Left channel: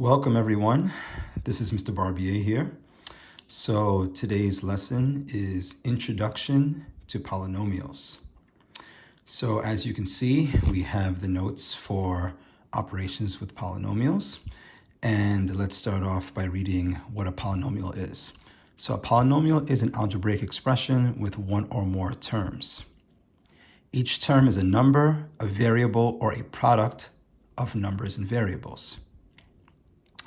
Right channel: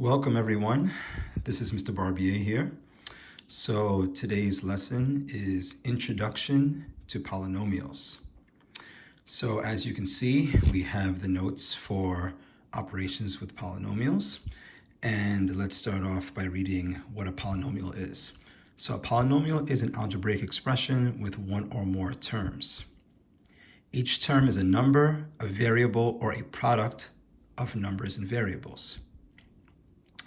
Welcome everyone. This is Mr. Barbier here. So today's lesson is Introduction to Polynomials. So as you can see, we have the notes for operations with polynomials. And let's start off by reading what a polynomial is. So a polynomial is an algebraic expression with one or more terms. Each term is a number, a variable, or a product of numbers and variables.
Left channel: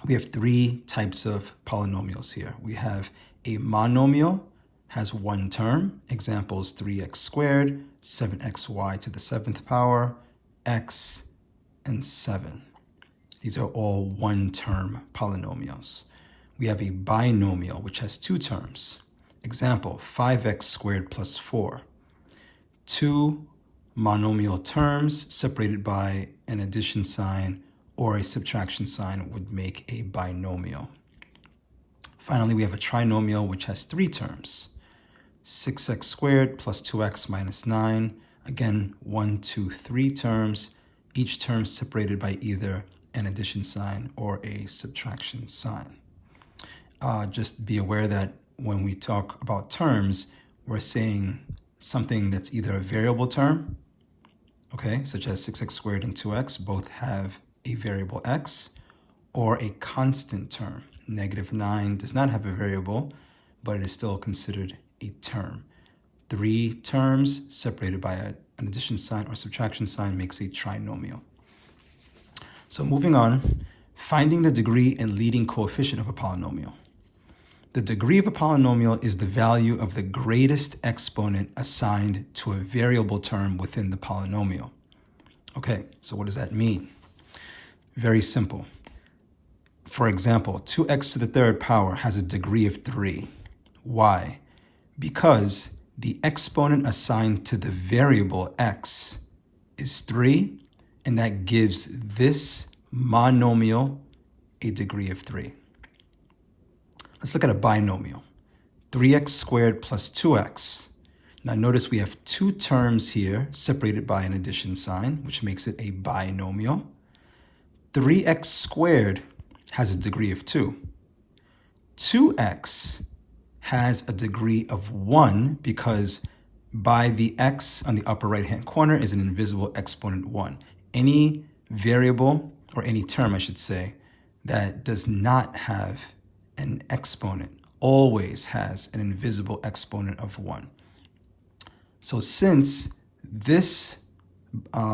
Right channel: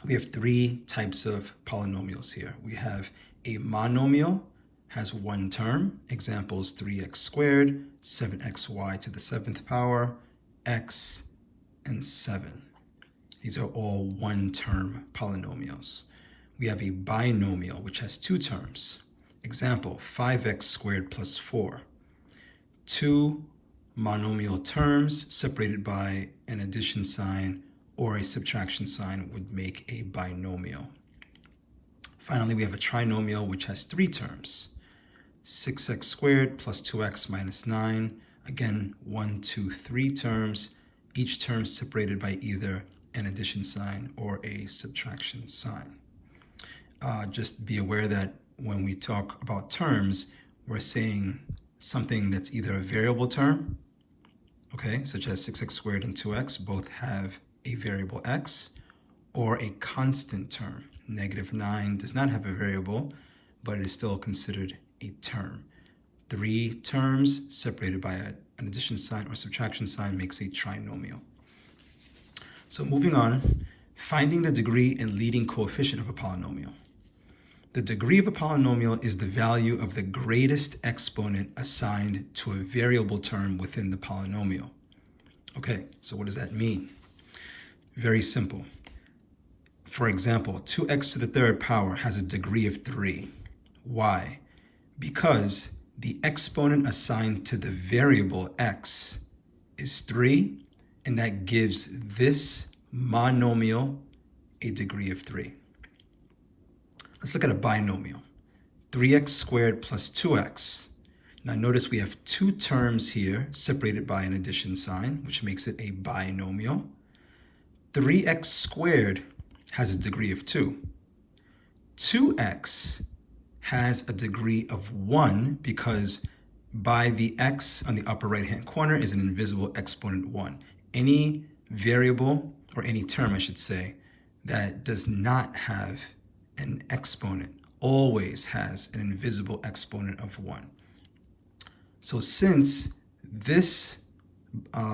We have three types of polynomials here. We have a monomial, has one term, examples 3x squared, 7xy to the 7th power, x, and 7. These are all one-term polynomials. We have a binomial, which has two terms. Example, 5x squared plus 4. Two monomial terms separated by an addition sign or a subtraction sign would make a binomial. Finally, we have a trinomial, which has three terms. 6x squared plus 2x minus 9. Again, 1, 2, 3 terms, each term separated by either an addition sign or a subtraction sign. Just be aware that when we talk about terms, we're saying something that's either a variable term, okay, such as 6x squared and 2x both have a variable x, or a constant term. -9 does not have a variable, but it is still considered a term. Three terms separated by an addition sign or subtraction sign makes a trinomial. So moving on, finding the degree and leading coefficient of a polynomial. The degree of a polynomial is the value of the greatest exponent assigned to a variable term within the polynomial. Okay, so what does that mean? Very simple. For example, 2x to the 3rd power has a degree of 3. Why? Because the exponent assigned to the variable x is 3, and that gives this monomial a degree of 3. Let's look at a binomial. 3x squared plus 2x. Now notice we have two terms here separated by an addition sign, which makes it a binomial. 3x squared has a degree of 2. 2x has a degree of 1 because by the x on the upper right-hand corner is an invisible exponent 1. Any variable, or any term I should say, that does not have an exponent always has an invisible exponent of 1. So since this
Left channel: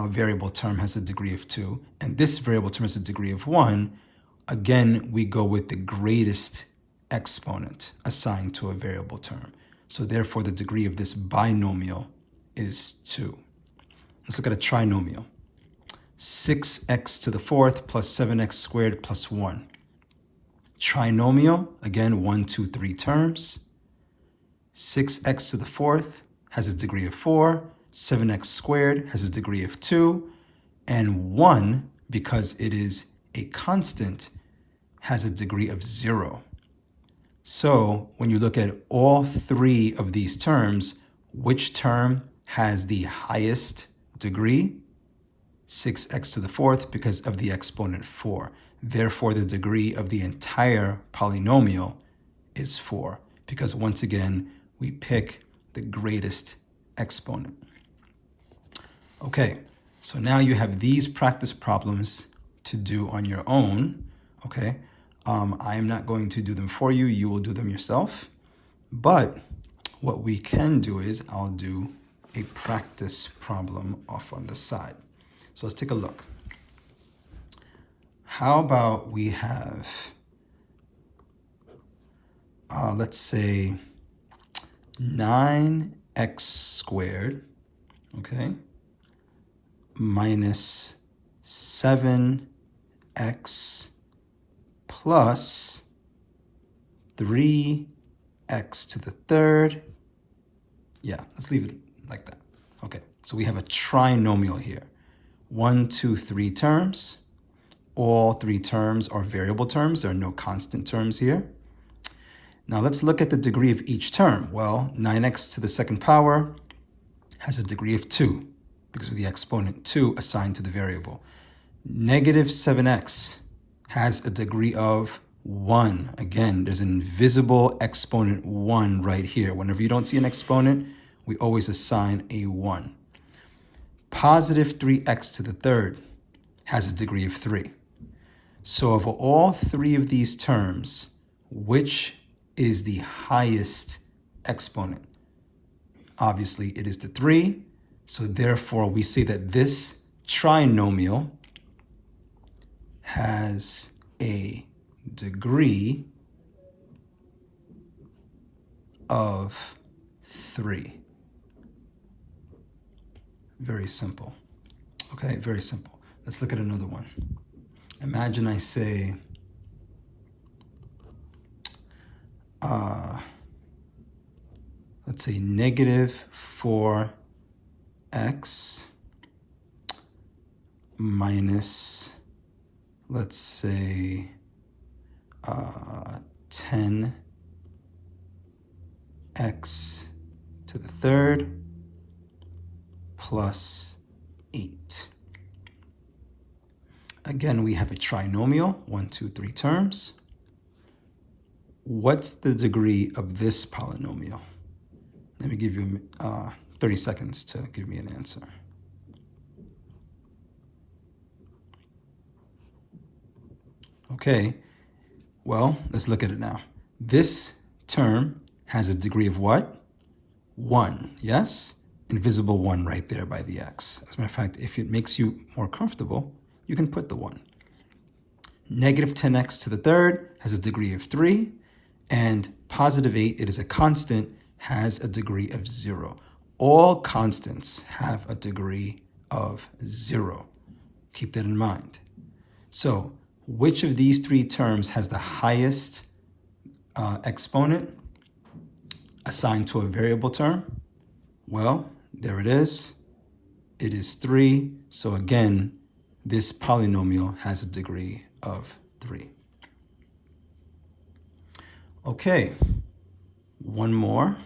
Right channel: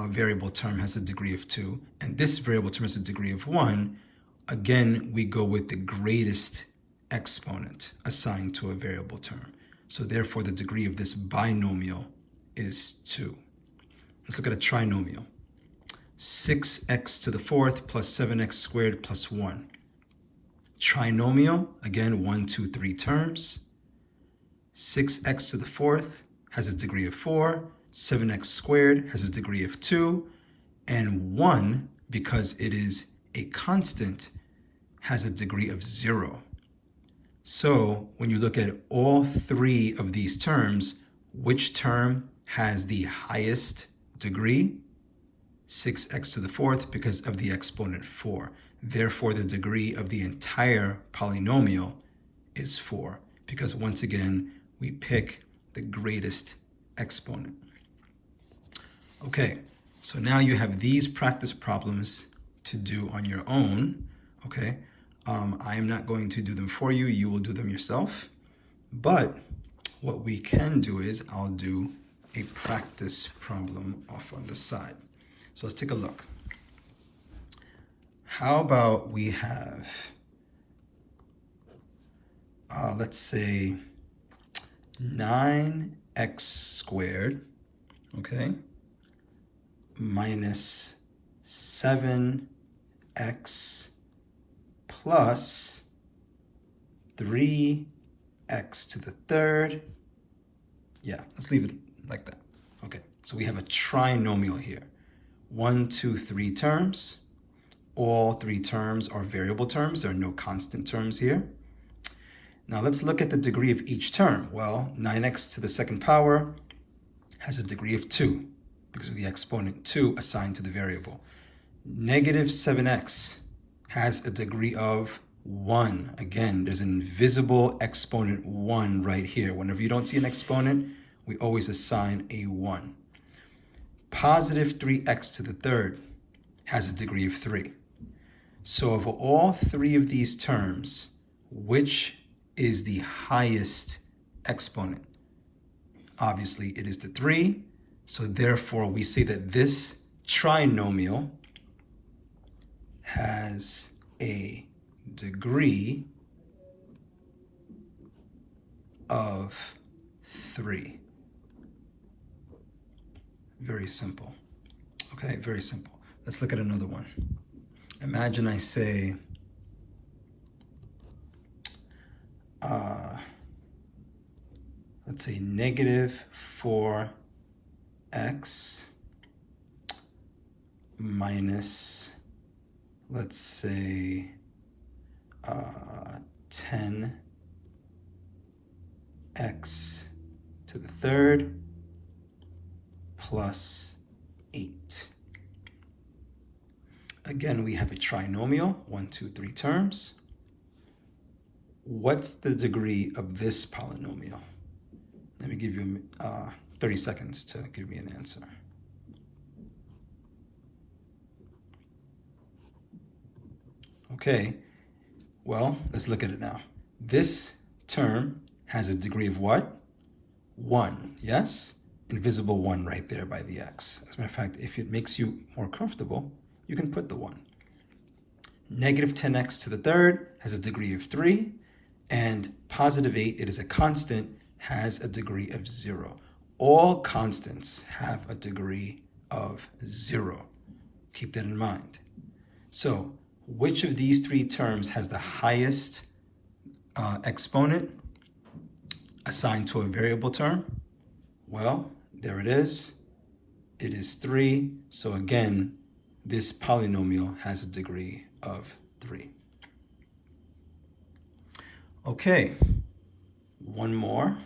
variable term has a degree of 2, and this variable term has a degree of 1, again, we go with the greatest exponent assigned to a variable term. So therefore, the degree of this binomial is 2. Let's look at a trinomial. 6x to the 4th plus 7x squared plus 1. Trinomial, again, 1, 2, 3 terms. 6x to the 4th has a degree of 4. 7x squared has a degree of 2, and 1, because it is a constant, has a degree of 0. So when you look at all three of these terms, which term has the highest degree? 6x to the 4th, because of the exponent 4. Therefore, the degree of the entire polynomial is 4, because once again, we pick the greatest exponent. Okay, so now you have these practice problems to do on your own, okay? I am not going to do them for you. You will do them yourself. But what we can do is I'll do a practice problem off on the side. So let's take a look. How about we have, let's say 9x squared, okay, minus 7x plus 3x to the 3rd. Yeah, let's leave it like that. Okay, so we have a trinomial here. 1, 2, 3 terms. All three terms are variable terms. There are no constant terms here. Now let's look at the degree of each term. Well, 9x to the 2nd power has a degree of 2 because of the exponent 2 assigned to the variable. Negative 7x has a degree of 1. Again, there's an invisible exponent 1 right here. Whenever you don't see an exponent, we always assign a 1. Positive 3x to the third has a degree of 3. So of all three of these terms, which is the highest exponent? Obviously, it is the 3. So therefore, we say that this trinomial has a degree of 3. Very simple. Okay, very simple. Let's look at another one. Imagine I say, let's say negative 4x minus, let's say, 10x to the third plus 8. Again, we have a trinomial, 1, 2, 3 terms. What's the degree of this polynomial? Let me give you 30 seconds to give me an answer. Okay, well, let's look at it now. This term has a degree of what? 1, yes? Invisible 1 right there by the x. As a matter of fact, if it makes you more comfortable, you can put the 1. Negative 10x to the third has a degree of 3, and positive 8, it is a constant, has a degree of 0. All constants have a degree of 0. Keep that in mind. So, which of these three terms has the highest exponent assigned to a variable term? Well, there it is. It is 3. So again, this polynomial has a degree of 3. Okay, one more.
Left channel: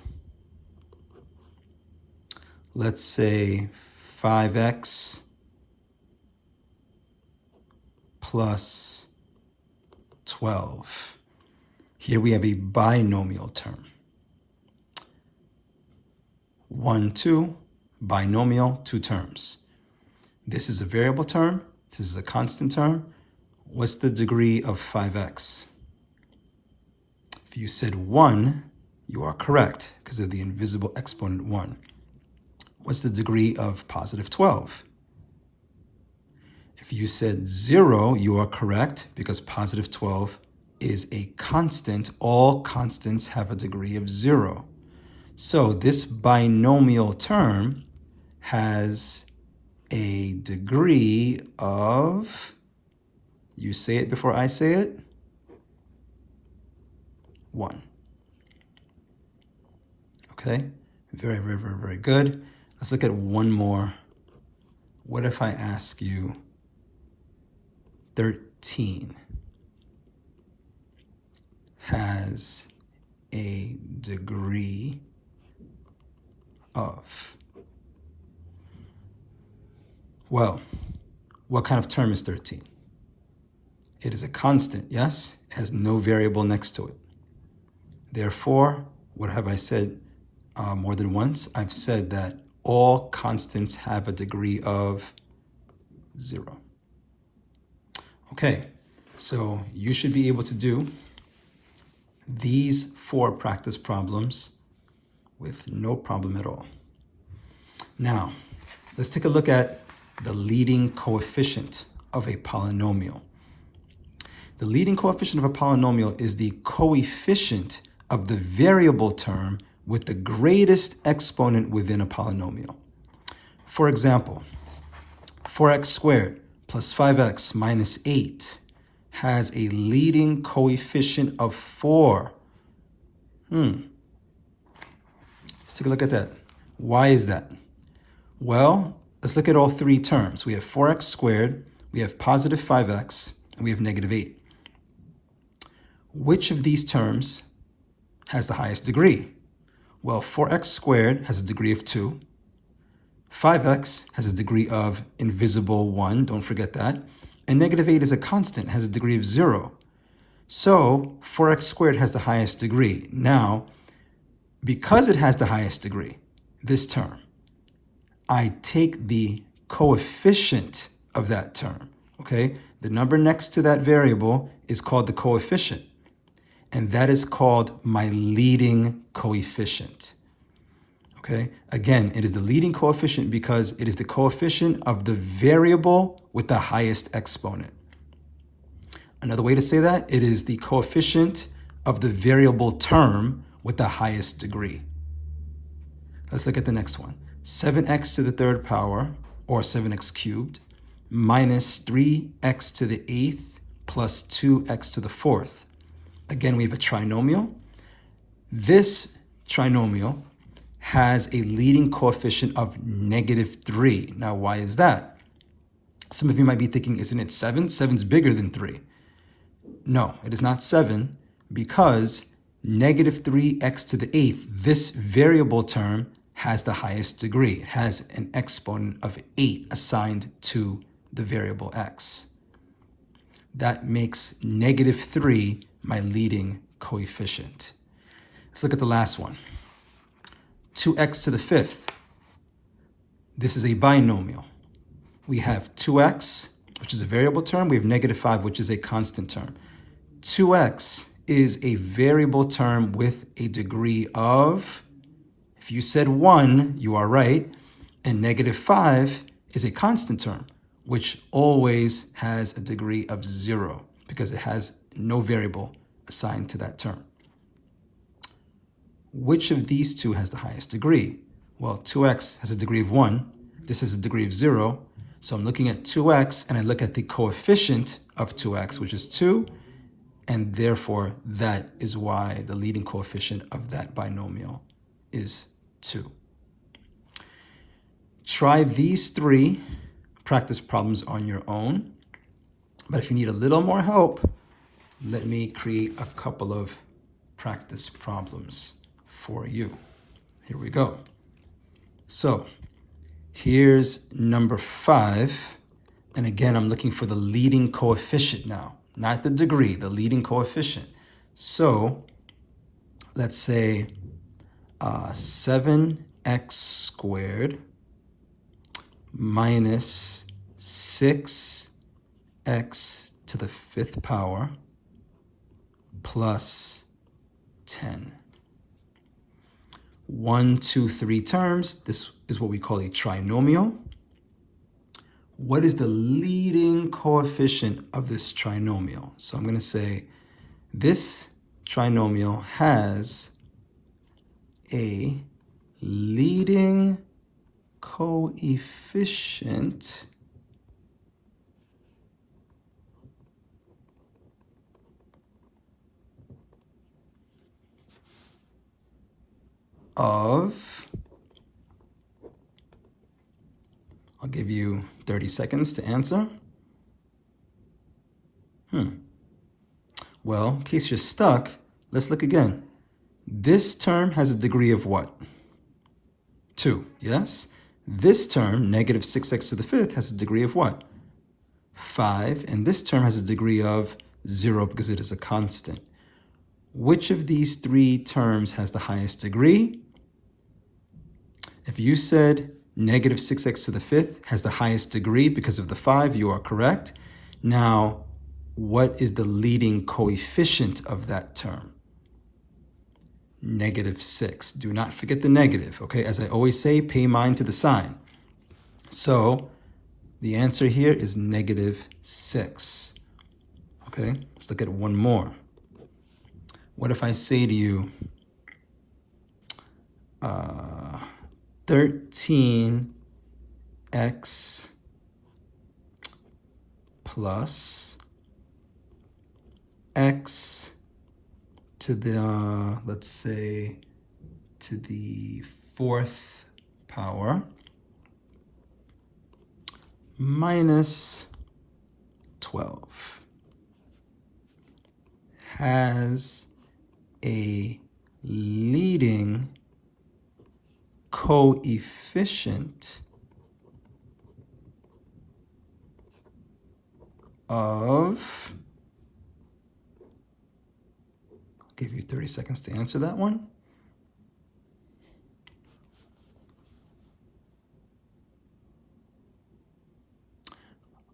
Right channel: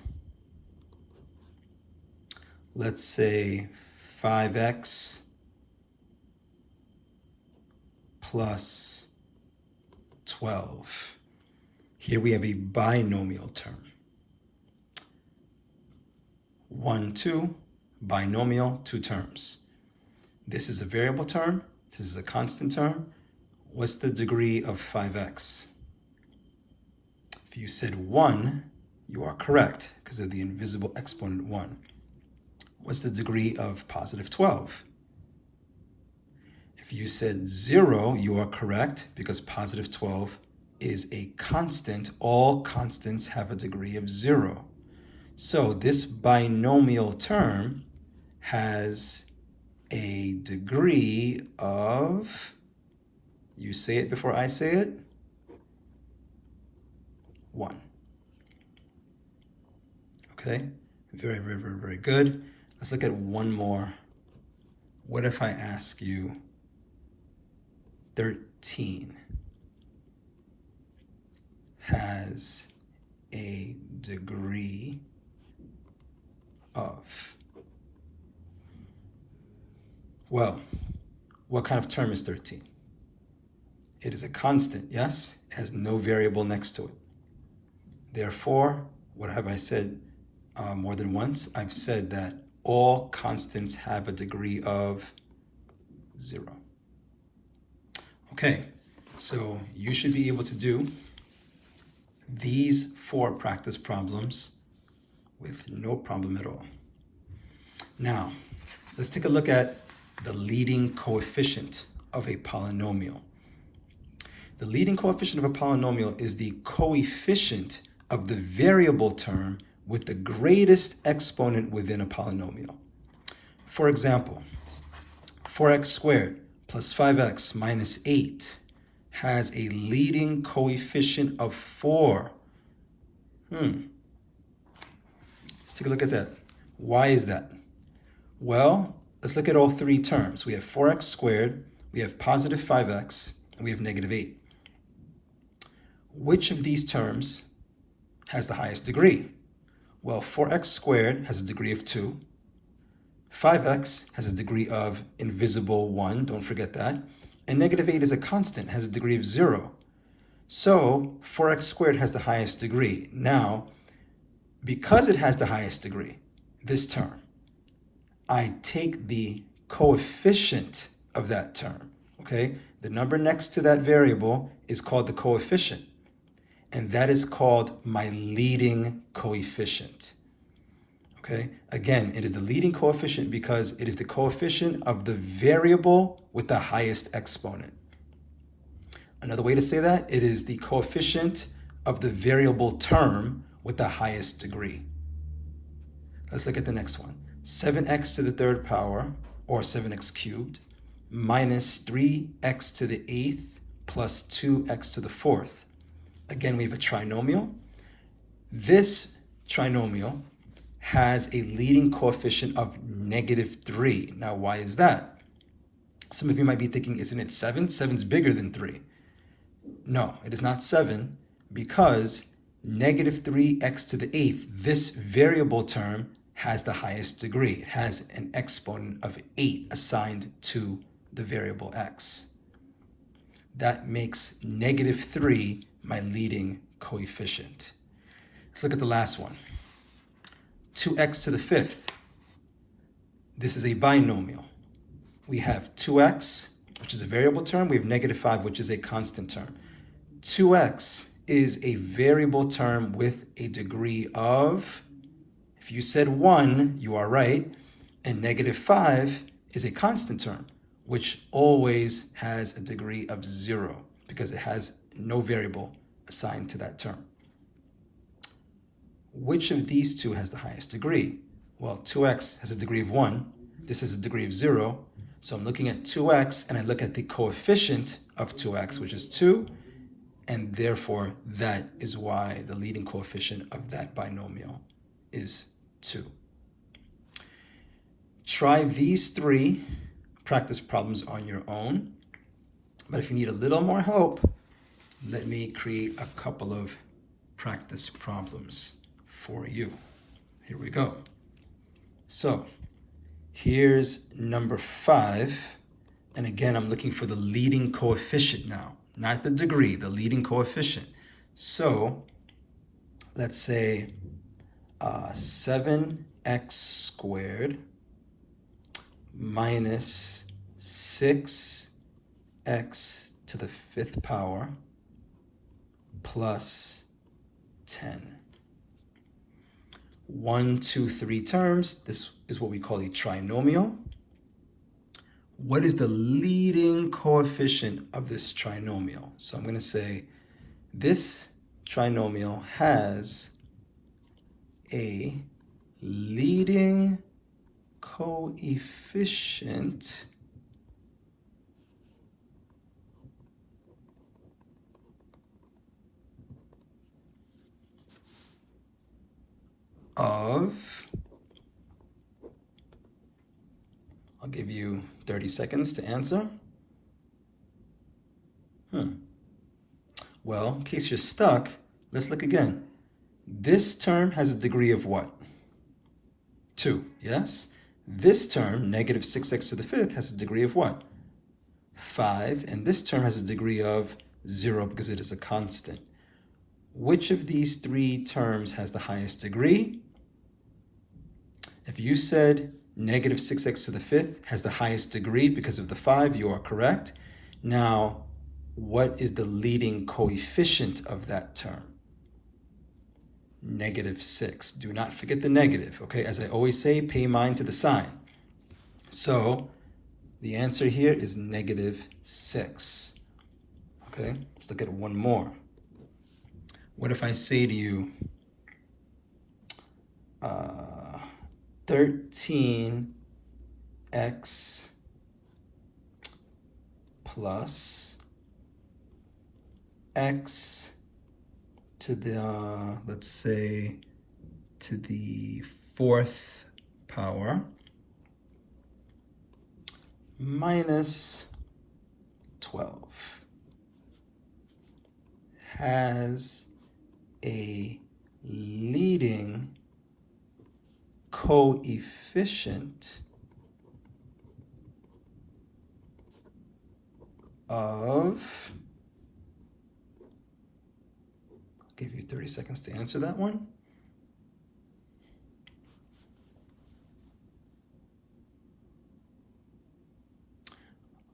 Let's say 5x plus 12. Here we have a binomial term. 1, 2, binomial, 2 terms. This is a variable term. This is a constant term. What's the degree of 5x? If you said 1, you are correct because of the invisible exponent 1. What's the degree of positive 12? If you said 0, you are correct because positive 12 is a constant. All constants have a degree of 0. So this binomial term has a degree of, you say it before I say it, 1. Okay, very, very, very, very good. Let's look at one more. What if I ask you 13 has a degree of? Well, what kind of term is 13? It is a constant, yes? It has no variable next to it. Therefore, what have I said more than once? I've said that all constants have a degree of 0. Okay, so you should be able to do these 4 practice problems with no problem at all. Now, let's take a look at the leading coefficient of a polynomial. The leading coefficient of a polynomial is the coefficient of the variable term with the greatest exponent within a polynomial. For example, 4x squared plus 5x minus 8 has a leading coefficient of 4. Let's take a look at that. Why is that? Well, let's look at all 3 terms. We have 4x squared, we have positive 5x, and we have negative 8. Which of these terms has the highest degree? Well, 4x squared has a degree of 2. 5x has a degree of invisible 1, don't forget that. And negative 8 is a constant, has a degree of 0. So 4x squared has the highest degree. Now, because it has the highest degree, this term, I take the coefficient of that term, okay? The number next to that variable is called the coefficient, and that is called my leading coefficient, okay? Again, it is the leading coefficient because it is the coefficient of the variable with the highest exponent. Another way to say that, it is the coefficient of the variable term with the highest degree. Let's look at the next one. 7x to the third power, or 7x cubed, minus 3x to the 8th plus 2x to the 4th. Again, we have a trinomial. This trinomial has a leading coefficient of -3. Now, why is that? Some of you might be thinking, isn't it 7? 7's bigger than 3. No, it is not 7 because -3x to the 8th, this variable term, has the highest degree. It has an exponent of 8 assigned to the variable x. That makes -3 my leading coefficient. Let's look at the last one. 2x to the 5th. This is a binomial. We have 2x, which is a variable term. We have -5, which is a constant term. 2x is a variable term with a degree of, if you said 1, you are right, and -5 is a constant term, which always has a degree of 0 because it has no variable assigned to that term. Which of these two has the highest degree? Well, 2x has a degree of 1. This has a degree of 0. So I'm looking at 2x, and I look at the coefficient of 2x, which is 2, and therefore that is why the leading coefficient of that binomial is 2. Try these 3 practice problems on your own, but if you need a little more help, let me create a couple of practice problems for you. Here we go. So here's number 5, and again, I'm looking for the leading coefficient now, not the degree, the leading coefficient. So let's say 7x squared minus 6x to the 5th power plus 10. 1, 2, 3 terms. This is what we call a trinomial. What is the leading coefficient of this trinomial? So I'm going to say this trinomial has a leading coefficient of, I'll give you 30 seconds to answer. Well, in case you're stuck, let's look again. This term has a degree of what? 2, yes? This term, -6x to the 5th, has a degree of what? 5, and this term has a degree of 0 because it is a constant. Which of these 3 terms has the highest degree? If you said -6x to the 5th has the highest degree because of the 5, you are correct. Now, what is the leading coefficient of that term? -6. Do not forget the negative, okay? As I always say, pay mind to the sign. So the answer here is -6. Okay, let's look at one more. What if I say to you, 13x plus x to the, let's say, to the 4th power minus 12 has a leading coefficient of, I'll give you 30 seconds to answer that one.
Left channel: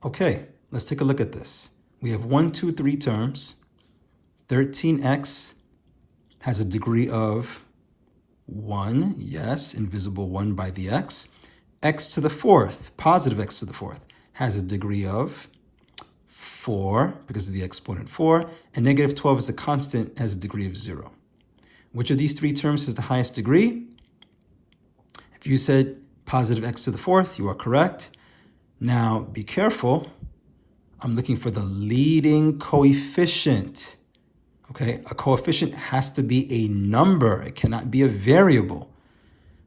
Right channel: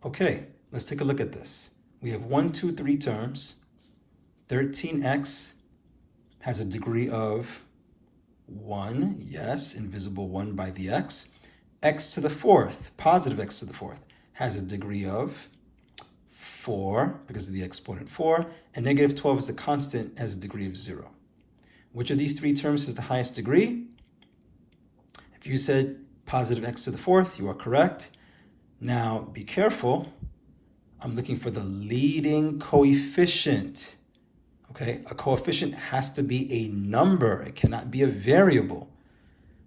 Okay, let's take a look at this. We have 1, 2, 3 terms. 13x has a degree of 1, yes, invisible 1 by the x. X to the fourth, positive x to the fourth, has a degree of 4 because of the exponent 4, and negative 12 is a constant, has a degree of 0. Which of these three terms has the highest degree? If you said positive x to the fourth, you are correct. Now, be careful. I'm looking for the leading coefficient. Okay, a coefficient has to be a number. It cannot be a variable.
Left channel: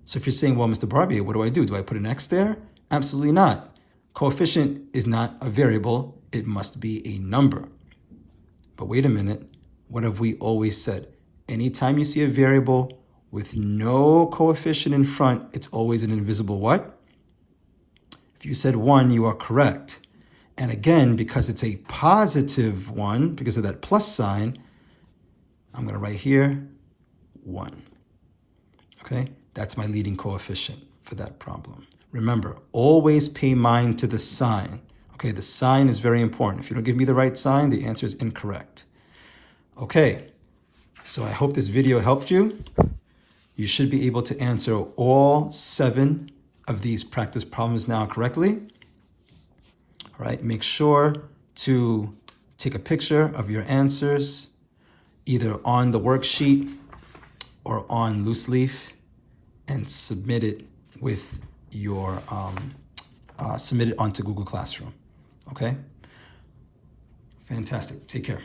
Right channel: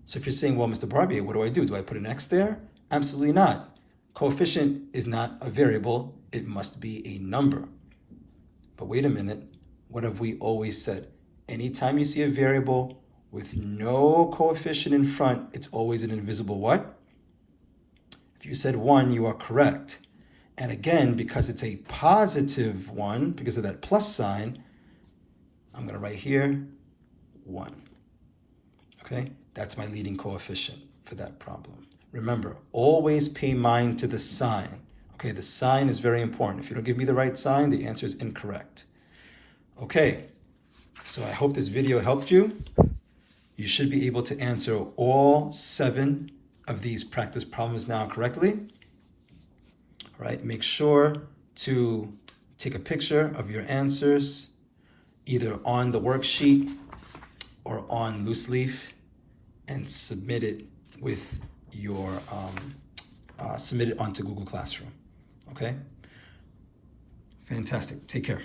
So if you're saying, well, Mr. Barbier, what do I do? Do I put an x there? Absolutely not. Coefficient is not a variable. It must be a number. But wait a minute. What have we always said? Anytime you see a variable with no coefficient in front, it's always an invisible what? If you said 1, you are correct. And again, because it's a positive 1, because of that plus sign, I'm going to write here 1. Okay, that's my leading coefficient for that problem. Remember, always pay mind to the sign. Okay, the sign is very important. If you don't give me the right sign, the answer is incorrect. Okay, so I hope this video helped you. You should be able to answer all 7 of these practice problems now correctly. All right, make sure to take a picture of your answers either on the worksheet or on loose leaf and submit it with your submit it onto Google Classroom. Okay, fantastic. Take care.